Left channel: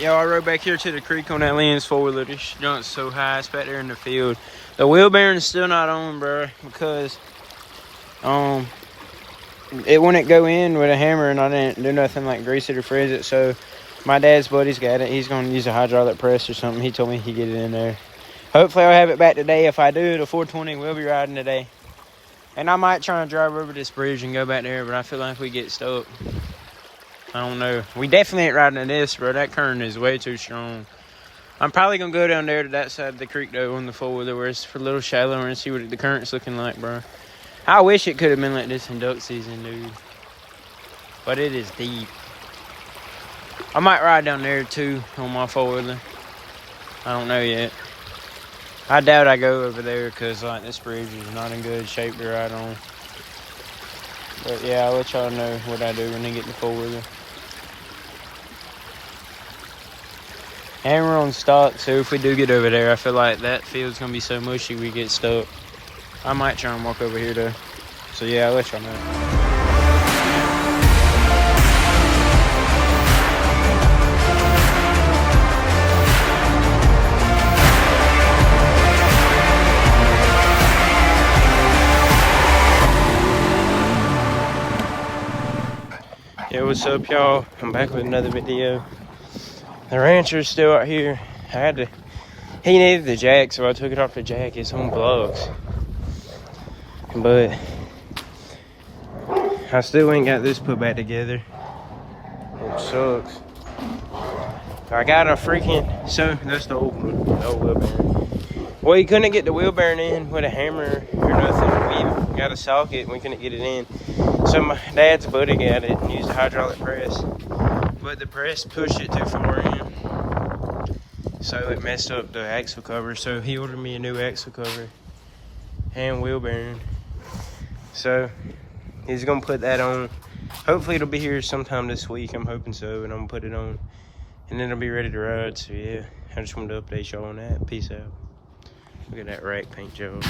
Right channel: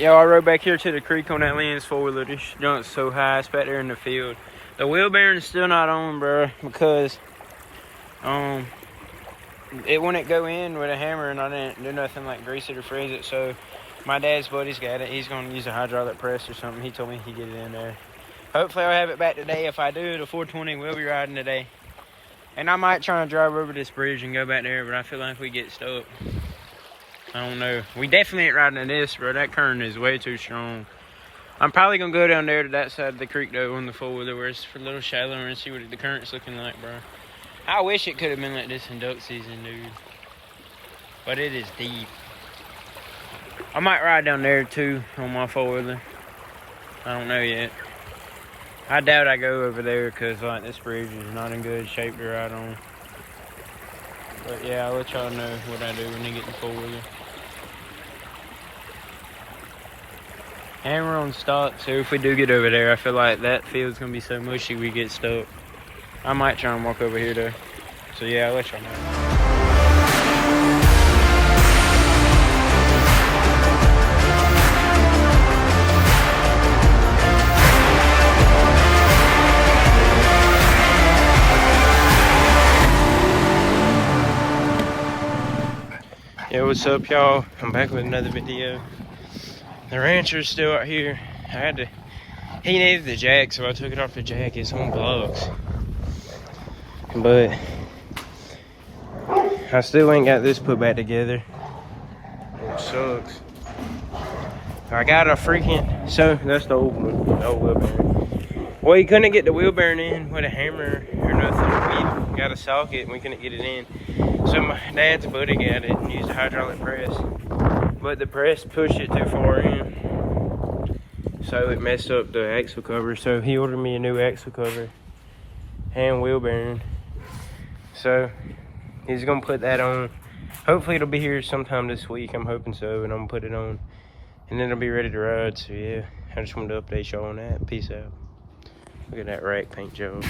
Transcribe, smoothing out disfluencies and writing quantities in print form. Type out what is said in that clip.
Yo, I rode back here to the creek on that Lynn's four-wheeler. This junk's so high. It's back there in the field. The wheel bearing's still not on, bro, because it wouldn't go in with a hammer, and I didn't do nothing like grease it or freeze it. So my dad's buddy's got it. He's going to use a hydraulic press or something. He told me he could get it in there. Hopefully I'll have it back today. If I do, the 420 will be riding today. And I might try and drive over this bridge and go back there, but I feel like we get stuck. I don't know. We definitely ain't riding in this, bro. That current is way too strong. I'm probably going to go down there to that side of the creek, though, on the four-wheeler where it's a little shallower and see what the current's looking like, bro. I wish it could have been like this in duck season, dude. But it is deep. I might ride down there, too, on my four-wheeler. I don't know yet. I doubt I go over there because, like, this bridge is not in good shape to ride on. But, yeah, I'll let y'all know what I do when I get the four-wheeler. And we're on stock, so if we do get over there, I feel like that field's going to be so mushy we get stuck. I might try and walk over here, though. So, yeah, I'll let y'all know. Yo, what's up, y'all? I'm back with another video. The rancher's still out here. He needed the jack, so I took it off the jack. It's on blocks. But I still ain't got this put back together. It sucks. I got a freaking, so that's the old wheel bearing. Well, you couldn't get the wheel bearing in with a hammer or nothing. We got a socket and we couldn't get it in. So my dad's buddy got it and used a hydraulic press. But the press pushed it too far in. So it messed up the axle cover. So he ordered me a new axle cover and wheel bearing. So he's gonna put that on. Hopefully it'll be here sometime this week. I'm hoping so, and I'm gonna put it on. And then it'll be ready to ride. So yeah, I just wanted to update y'all on that. Peace out. Look at that rack paint job.